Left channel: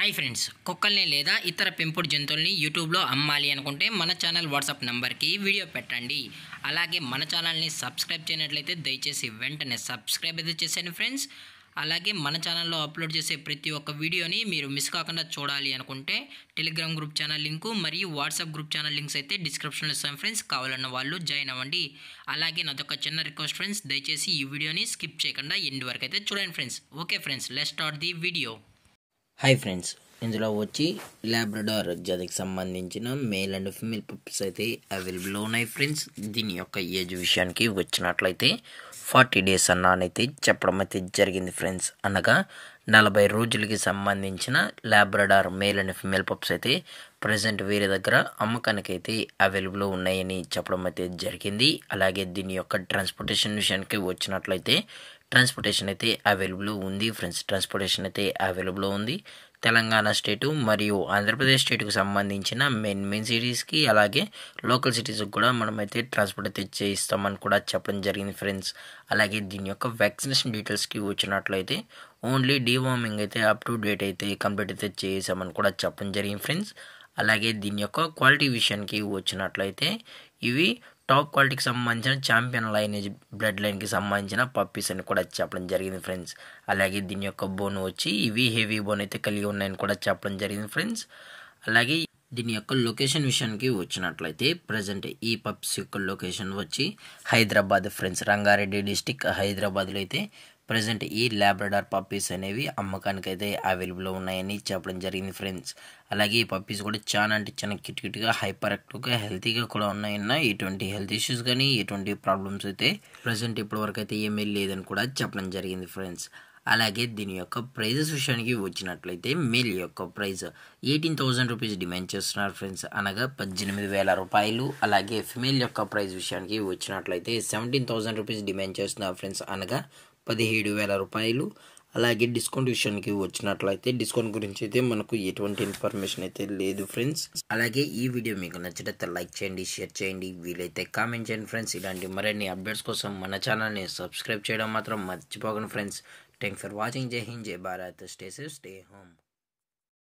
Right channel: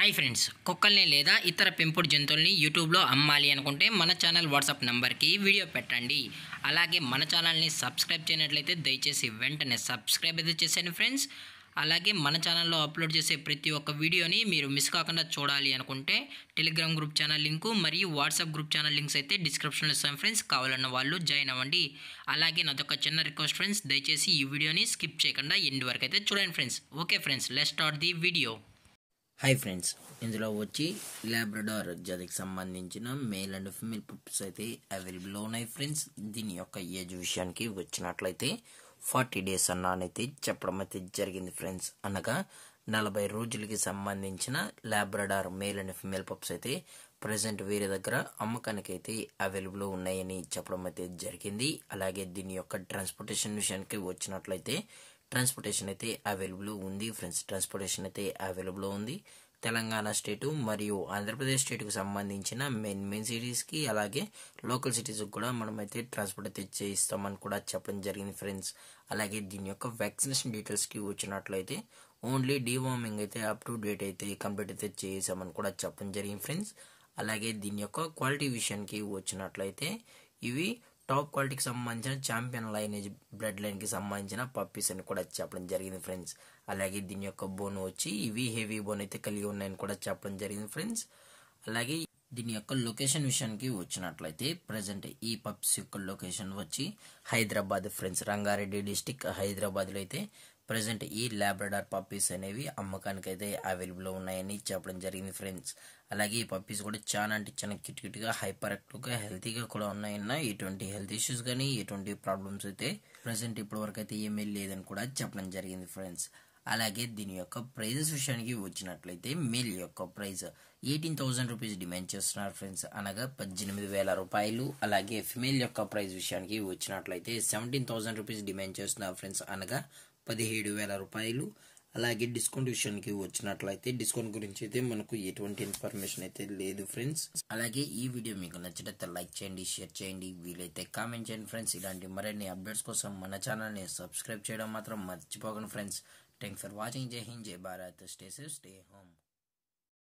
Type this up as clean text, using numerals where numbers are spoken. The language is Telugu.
హాయ్ ఫ్రెండ్స్, కుక్కల్ని లేదా ఇతర పెంపుడు జంతువుల్ని యూట్యూబ్లో అమ్మాలి అనుకుంటే మన ఛానల్ వాట్సాప్ నెంబర్కి వీడియో పెట్టండి. అలాగే మన ఛానల్ని సబ్స్క్రైబ్ చేయనట్లయితే దయచేసి వెంటనే సబ్స్క్రైబ్ అయితే చేసేయండి ఫ్రెండ్స్. అలాగే మన ఛానల్లో అప్లోడ్ చేసే ప్రతి ఒక్క వీడియోని మీరు మిస్ కాకుండా చూడాలి అనుకుంటే టెలిగ్రామ్ గ్రూప్ ఛానల్ లింకు మరియు వాట్సాప్ గ్రూప్ ఛానల్ లింక్స్ అయితే డిస్క్రిప్షన్లో ఇస్తాను ఫ్రెండ్స్. కావాలన్న వాళ్ళు జాయిన్ అవ్వండి. అలాగే నాదొక చిన్న రిక్వెస్ట్ ఫ్రెండ్స్, దయచేసి ఈ వీడియోని స్కిప్ చేయకుండా ఎండ్ వరకు అయితే చూడండి friends. Okay friends, let's start the video. Hi friends, ఇందులో వచ్చి లాబ్రడార్ జాతికి సంబంధించిన మేల్ అండ్ ఫీమేల్ పప్పీస్ అయితే అవైలబుల్లో ఉన్నాయి ఫ్రెండ్స్. దీని యొక్క ఏజ్ విషయానికి వచ్చినట్లయితే 40 days అన్నానైతే చెప్పడం అయితే జరిగింది ఫ్రెండ్స్. అనగా 40 రోజులకి సంబంధించిన Labrador male and female pups అయితే ప్రజెంట్ వేరే దగ్గర అమ్మకానికి అయితే అవైలబుల్లో ఉన్నాయని చెప్పడం అయితే జరిగింది. అలాగే దీని యొక్క ట్రాన్స్పోర్టేషన్ విషయానికి వచ్చినట్లయితే ట్రాన్స్పోర్టేషన్ అయితే అవైలబుల్ ఉంది ఫ్రెండ్స్. ట్రాన్స్పోర్టేషన్ అయితే అవైలబుల్ ఉంది. తెలంగాణ స్టేటు మరియు ఆంధ్రప్రదేశ్ స్టేట్కు సంబంధించిన మెయిన్ సిటీస్కి అలాగే లోకల్ సిటీస్కి కూడా మనమైతే ట్రాన్స్పోర్ట్ అయితే చేయిస్తామని కూడా చెప్పడం జరిగింది ఫ్రెండ్స్. అలాగే దీని యొక్క వ్యాక్సినేషన్ డీటెయిల్స్కి వచ్చినట్లయితే ఓన్లీ డీవార్మింగ్ అయితే అప్ టు డేట్ అయితే కంప్లీట్ అయితే చేసామని కూడా చెప్పడం జరిగింది ఫ్రెండ్స్. అలాగే దీని యొక్క క్వాలిటీ విషయానికి వచ్చినట్లయితే ఇవి టాప్ క్వాలిటీకి సంబంధించిన ఛాంపియన్ లైనేజ్ బ్లడ్ లైన్కి సంబంధించిన పప్పీస్ అని కూడా చెప్పడం జరిగింది ఫ్రెండ్స్. అలాగే దీని యొక్క బోన్ వచ్చి ఇవి హెవీ బోన్ అయితే కలిగి ఉన్నాయని కూడా చెప్పడం జరిగింది ఫ్రెండ్స్. అలాగే దీని యొక్క లొకేషన్ విషయానికి వచ్చినట్లయితే ప్రజెంట్ ఈ పప్స్ యొక్క లొకేషన్ వచ్చి హైదరాబాద్ ఫ్రెండ్స్. రంగారెడ్డి డిస్టిక్ హైదరాబాద్లో అయితే ప్రజెంట్ ఈ లాబ్రడార్ పప్పీస్ అనేవి అమ్మకానికి అయితే అవైలబుల్లో ఉన్నాయని చెప్పడం జరిగింది ఫ్రెండ్స్. అలాగే ఈ పప్పీస్ కూడా చాలా అంటే చాలా కిట్గా హైపర్ యాక్టివ్గా హెల్తీగా కూడా ఉన్నాయన్న ఎటువంటి హెల్త్ ఇష్యూస్ కానీ ఎటువంటి ప్రాబ్లమ్స్ అయితే ప్రజెంట్ ఇప్పటి వరకు అయితే ఏమీ లేదని కూడా చెప్పడం జరిగింది ఫ్రెండ్స్. అలాగే దీని యొక్క ప్రైజెస్ విషయానికి వచ్చినట్లయితే మేల్ యొక్క ప్రైస్ 18,000 రూపీస్ డిమాండ్ చేస్తున్నారు ఫ్రెండ్స్, అనగా 18,000 రూపాయలు. అలాగే ఫిమేల్ యొక్క ప్రైస్ విషయానికి వచ్చినట్లయితే 17,000 రూపీస్ డిమాండ్ చేస్తున్నారు ఫ్రెండ్స్, అనగా 17,000 రూపాయలు. అలాగే డిస్కౌంట్ విషయానికి వచ్చినట్లయితే డిస్కౌంట్ గురించి అయితే మనకు ఎటువంటి ఇన్ఫర్మేషన్ అయితే లేదు ఫ్రెండ్స్. అలాగే ఈ వీడియో మీకు నచ్చినట్లయితే లైక్ చేయండి, షేర్ చేయండి, వీలైతే కామెంట్ చేయండి ఫ్రెండ్స్. ఇలాంటి మరిన్ని అప్డేట్స్ కోసం మన ఛానల్ని సబ్స్క్రైబ్ చేయడం మాత్రం మర్చిపోకండి ఫ్రెండ్స్. Thanks for watching. జై హింద్, జై Bharat, stay safe, stay home.